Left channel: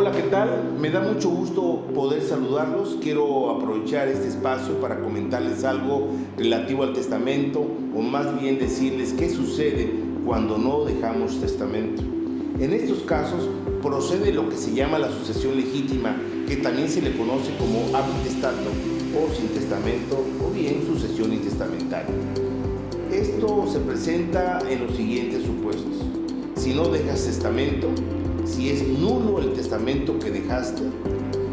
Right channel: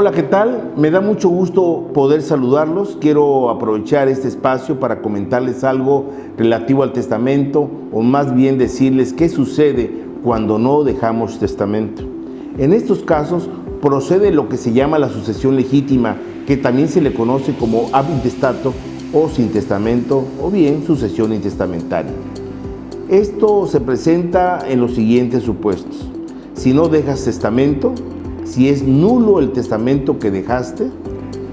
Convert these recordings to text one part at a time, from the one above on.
Hola, ¿qué tal? Me da mucho gusto poder saludarlos. Quiero aprovechar este espacio para comentarles algo relativo al testamento, o más bien decirles qué sucede cuando no dejamos testamento. En estos casos procede lo que se llama la sucesión legítima, que también se le conoce como ab intestato o sin testamento, o bien sucesión intestamentaria. Esto se presenta en los siguientes supuestos: si no dejas testamento, si es nulo el testamento que dejaste,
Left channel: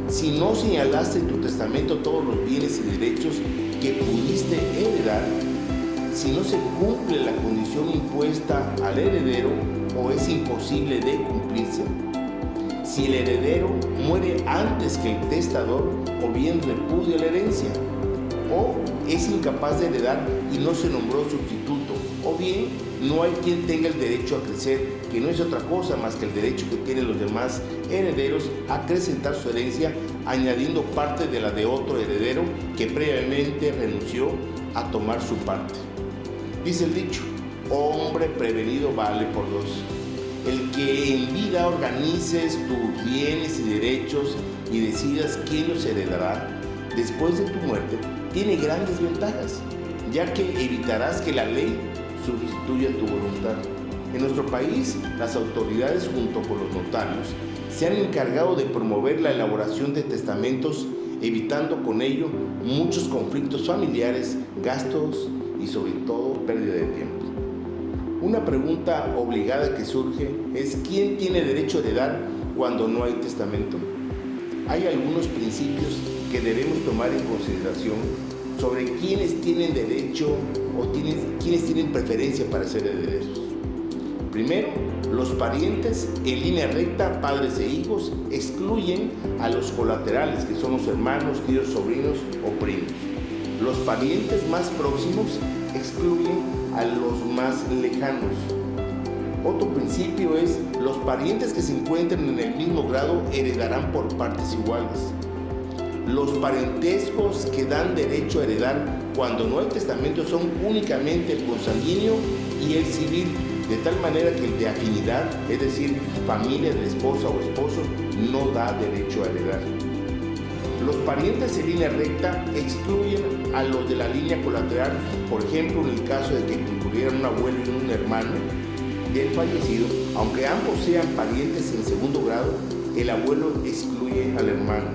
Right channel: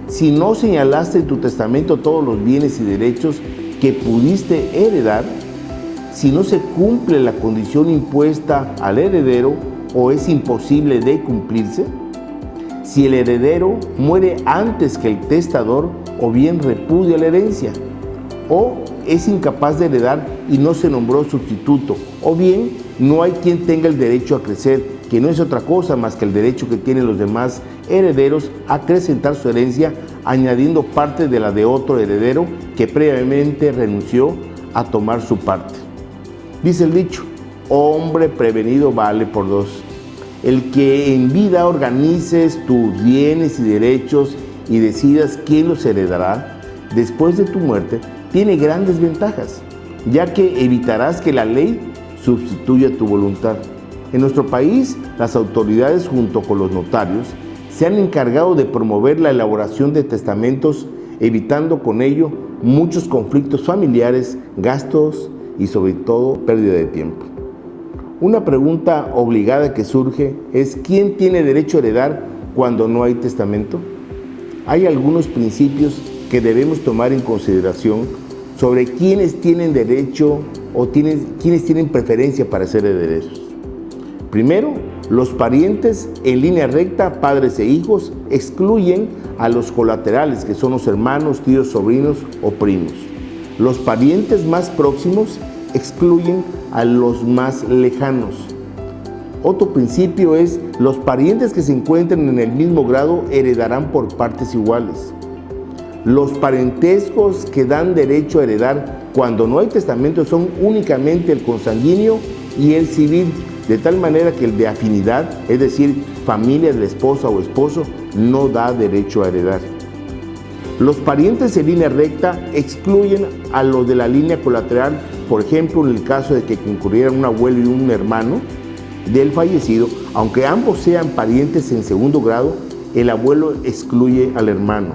si no señalaste en tu testamento todos los bienes y derechos que pudiste heredar, si no se cumple la condición impuesta al heredero o es imposible de cumplirse, si el heredero muere antes que el testador o bien repudia la herencia, o es incapaz de heredar y no se nombró sustituto, o bien no hay quien tenga el derecho a crecer, que no es otra cosa más que el derecho que tienen los demás herederos a acrecentar su herencia, añadiendo parte de la de otro heredero que previamente renunció a tomar su parte. Dice el dicho: hombre prevenido vale por dos. El que en vida organices tus bienes y derechos y decidas quién los heredará después de tu muerte, tiene grandes ventajas, ya que evitarás que la ley sustituya tu voluntad. En nuestro país, las autoridades junto con los notarios se han encargado de promover la elaboración de testamentos, evitando con ello muchos conflictos familiares, gastos y sobre todo pérdida de tiempo. Una pregunta obligada que surge es: ¿quién tiene derecho a heredar cuando no hay testamento? Hay algunos principios que debemos tomar en consideración sobre quiénes tienen derecho o quiénes tienen preferencia para ser herederos. Primero, los parientes en línea recta, padres e hijos, excluyen a los colaterales, que son los hermanos, tíos, sobrinos o primos. Los parientes más próximos excluyen a los más lejanos. Otro principio es: los parientes que se encuentren en el mismo grado heredarán por partes iguales. Los parentescos que dan derecho a heredar cuando no hay testamento son únicamente el consanguíneo y el civil, de tal manera que el de afinidad, es decir, familia de la esposa o esposo, no da derecho a heredar. Los parientes en línea recta excluyen a los de la línea colateral, por ejemplo, en el caso de que concurrieran un abuelo y un hermano del fallecido, aunque ambos sean parientes en segundo grado, el abuelo excluye al hermano.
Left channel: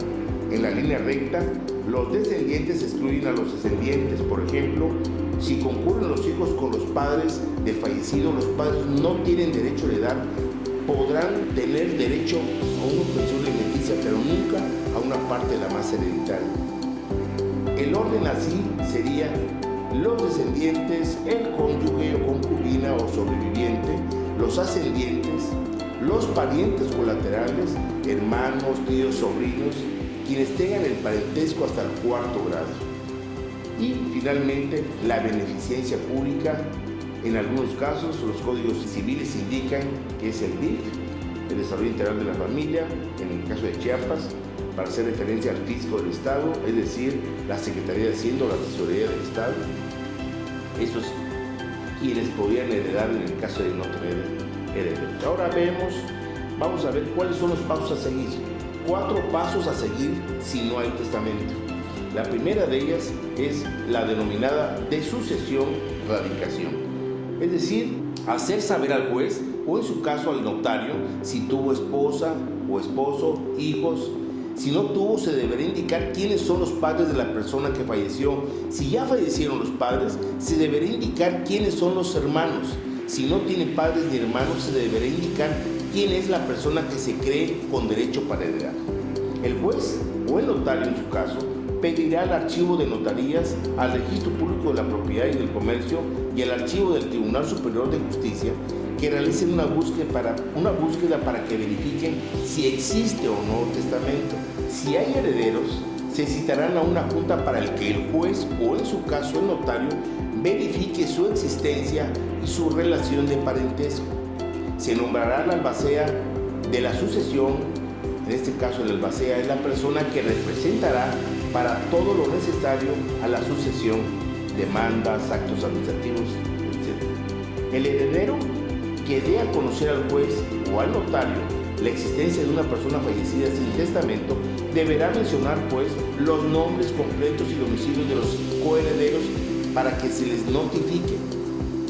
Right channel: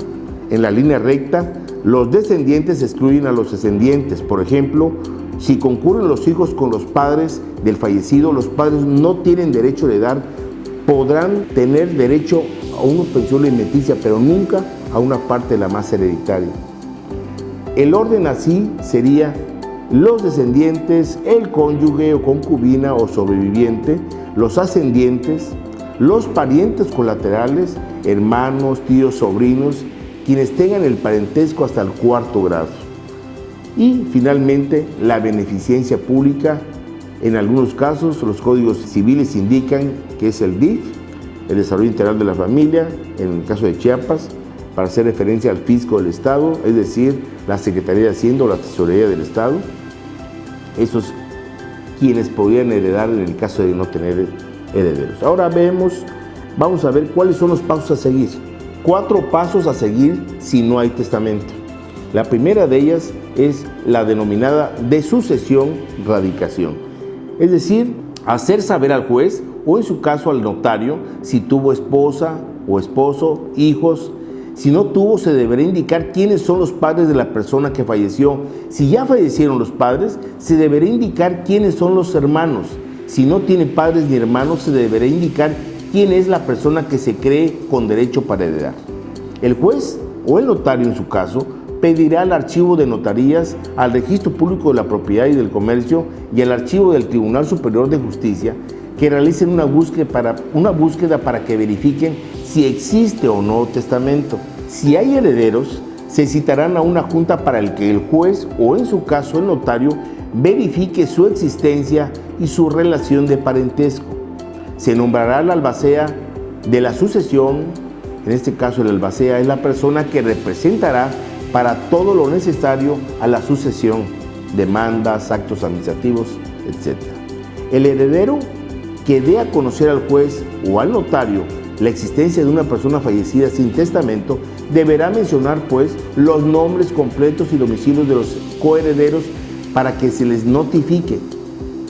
En la línea recta, los descendientes excluyen a los descendientes. Por ejemplo, si concurren los hijos con los padres del fallecido, los padres no tienen derecho a heredar. Podrán tener derecho a una pensión alimenticia, pero nunca a una parte de la masa hereditaria. El orden así sería: los descendientes, el cónyuge o concubina o sobreviviente, los ascendientes, los parientes colaterales, hermanos, tíos, sobrinos, quienes tengan el parentesco hasta el cuarto grado. Y finalmente, la beneficencia pública. En algunos casos, los códigos civiles indican que es el DIF, el Desarrollo Integral de la Familia, en el caso de Chiapas, para hacer referencia al fisco del Estado, es decir, la Secretaría de Hacienda o la Tesorería del Estado. Esos quienes podrían heredar en el caso de no tener herederos. Ahora vamos a ver cuáles son los pasos a seguir. 4 pasos a seguir si no hay testamento. La primera de ellas es la denominada de sucesión-radicación. Es decir, hacer saber al juez o en su caso al notario si tuvo esposa o esposo, hijos. Si no tuvo, se deberá indicar quiénes son los padres de la persona que falleció. Si ya fallecieron los padres, se deberá indicar quiénes son los hermanos. Si no tiene padres ni hermanos, se deberá indicar quién es la persona que se cree con derecho para heredar. El juez o el notario en su caso pedirá al archivo de notarías, al registro público de la propiedad y del comercio y al archivo del Tribunal Superior de Justicia que realicen una búsqueda para que verifiquen si existe o no testamento. Si hay herederos, se citarán a una junta para el que el juez o en su caso el notario verifique su existencia y su relación de parentesco. Se nombrará al albacea de la sucesión. En este caso, el albacea es la persona que representará para todo lo necesario a la sucesión, demandas, actos administrativos, etc. El heredero que dé a conocer al juez o al notario la existencia de una persona fallecida sin testamento, deberá mencionar pues los nombres completos y domicilios de los coherederos para que se les notifique.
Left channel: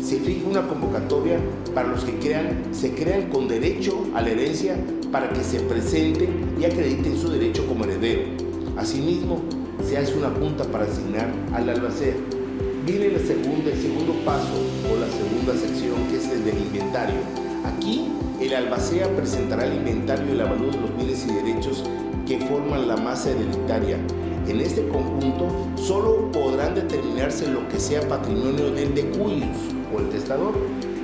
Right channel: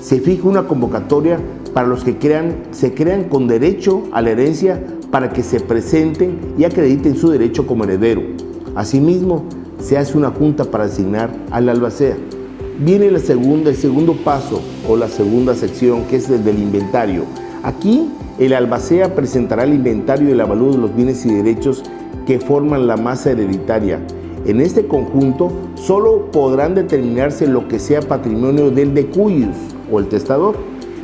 Se fija una convocatoria para los que se crean con derecho a la herencia para que se presenten y acrediten su derecho como heredero. Asimismo, se hace una junta para asignar al albacea. Viene el segundo paso o la segunda sección, que es el del inventario. Aquí el albacea presentará el inventario y el avalúo de los bienes y derechos que forman la masa hereditaria. En este conjunto solo podrán determinarse lo que sea patrimonio del decuyus o el testador,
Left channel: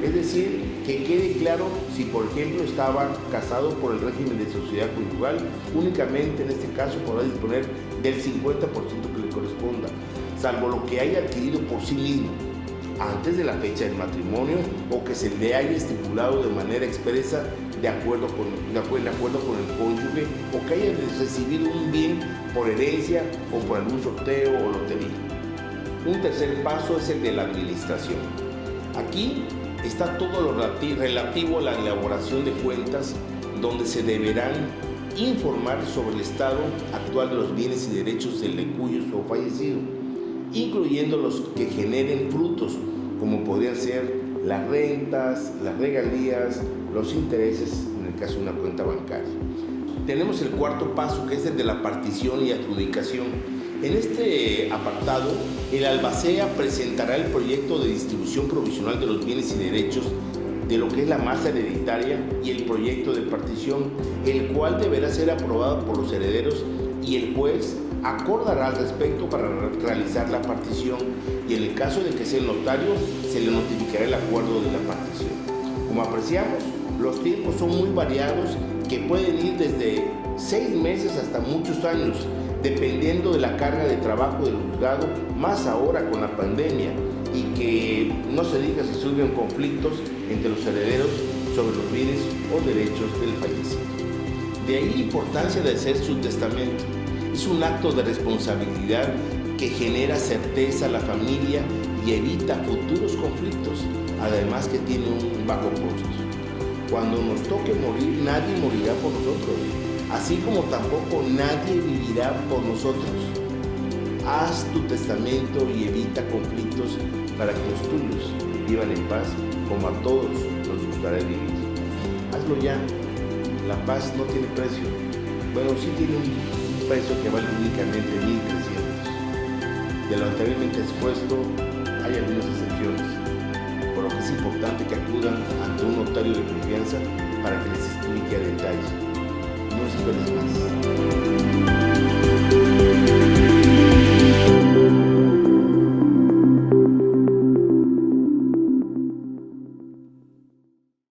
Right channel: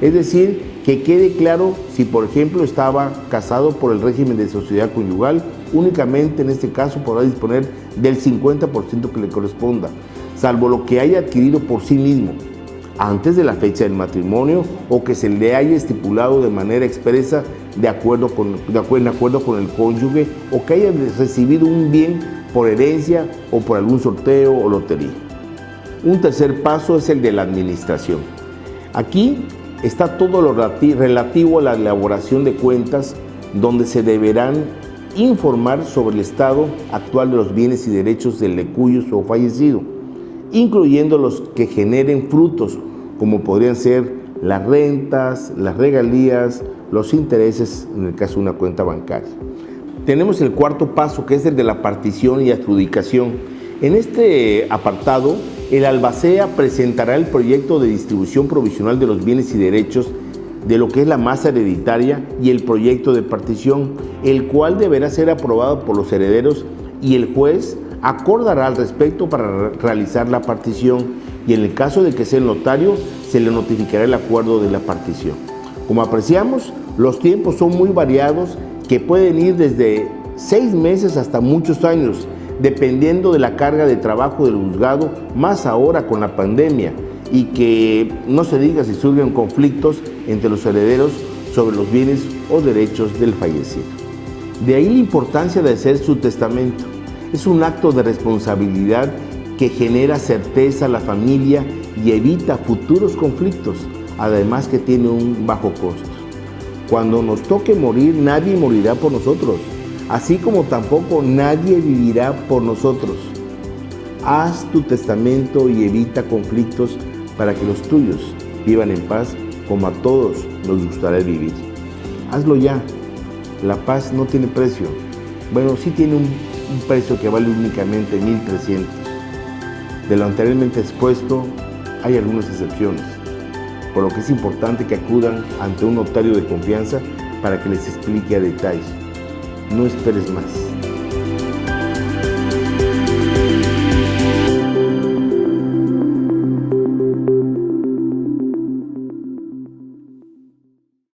es decir, que quede claro si por ejemplo estaba casado por el régimen de sociedad conyugal, únicamente en este caso podrá disponer del 50% que le corresponda, salvo lo que haya adquirido por sí mismo antes de la fecha del matrimonio o que se le haya estipulado de manera expresa de acuerdo con el cónyuge, o que haya recibido un bien por herencia o por algún sorteo o lotería. Un tercer paso es el de la administración. Aquí está todo lo relativo a la elaboración de cuentas, donde se deberán informar sobre el estado actual de los bienes y derechos del decuyus o fallecido, incluyendo los que generen frutos, como podrían ser las rentas, las regalías, los intereses en el caso de una cuenta bancaria. Tenemos el cuarto paso, que es el de la partición y adjudicación. En este apartado, el albacea presentará el proyecto de distribución provisional de los bienes y derechos de lo que es la masa hereditaria y el proyecto de partición, el cual deberá ser aprobado por los herederos, y el juez acordará al respecto para realizar la partición, y en el caso de que sea el notario, se le notificará el acuerdo de la partición. Como apreciamos, los tiempos son muy variados, que pueden ir desde 6 meses hasta muchos años, dependiendo de la carga de trabajo del juzgado, más ahora con la pandemia, y que no se diga si surgen conflictos entre los herederos sobre los bienes o derechos del fallecido. De ahí la importancia de hacer su testamento. Es un acto de responsabilidad que genera certeza a la familia y evita futuros conflictos, además que tiene un bajo costo. Cuando nos toque morir, nadie morirá por nosotros, así como tampoco nadie vivirá por nosotros. Haz tu testamento y evita conflictos para que los tuyos vivan en paz, como a todos nos gustaría vivir. Hazlo ya. La paz no tiene precio. Bueno, sí tiene un precio que vale únicamente 1,300. De lo anteriormente expuesto, hay algunas excepciones, por lo que es importante que acudan ante un notario de confianza para que les explique a detalle. No esperes más.